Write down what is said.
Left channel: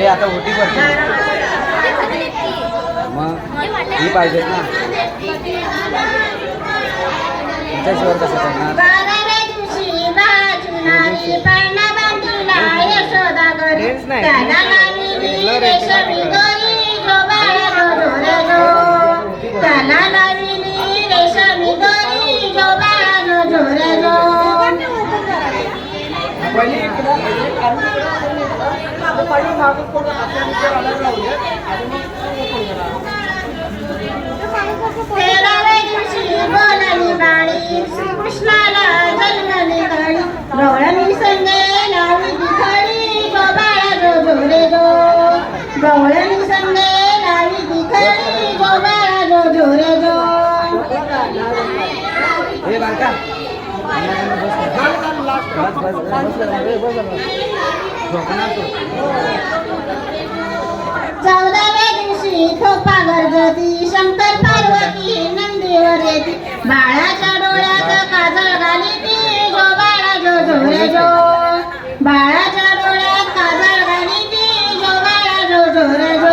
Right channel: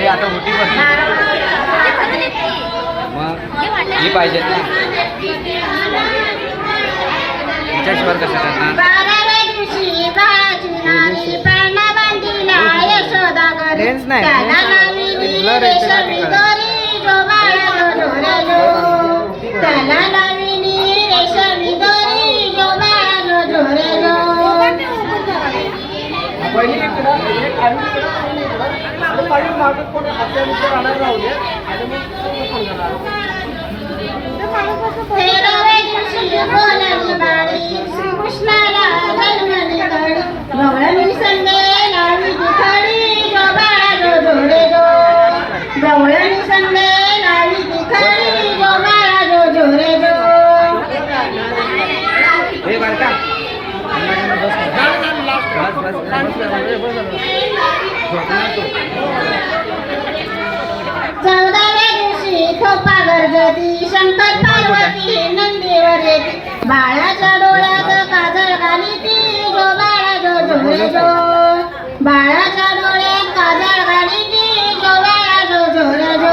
ते आता मोठी करते मग ही पाहिजेत ना हिच्याशिवाय कसं करणार रेंज नाही कृष्णाला जन्मली गळी गवळणी संगे लावी दिखळी जो बाळा जो झोरे जो गवळणी संगे लावी दिखळी जो बाळा जो झोरे जो हे बालका चौदाव्या दिवशी खोपा गरजती शंकर पार्वती नंदीवर येती बाळाच्या डोळ्यात काजळ घाली ती जो बाळा जो झोरे जो बाळा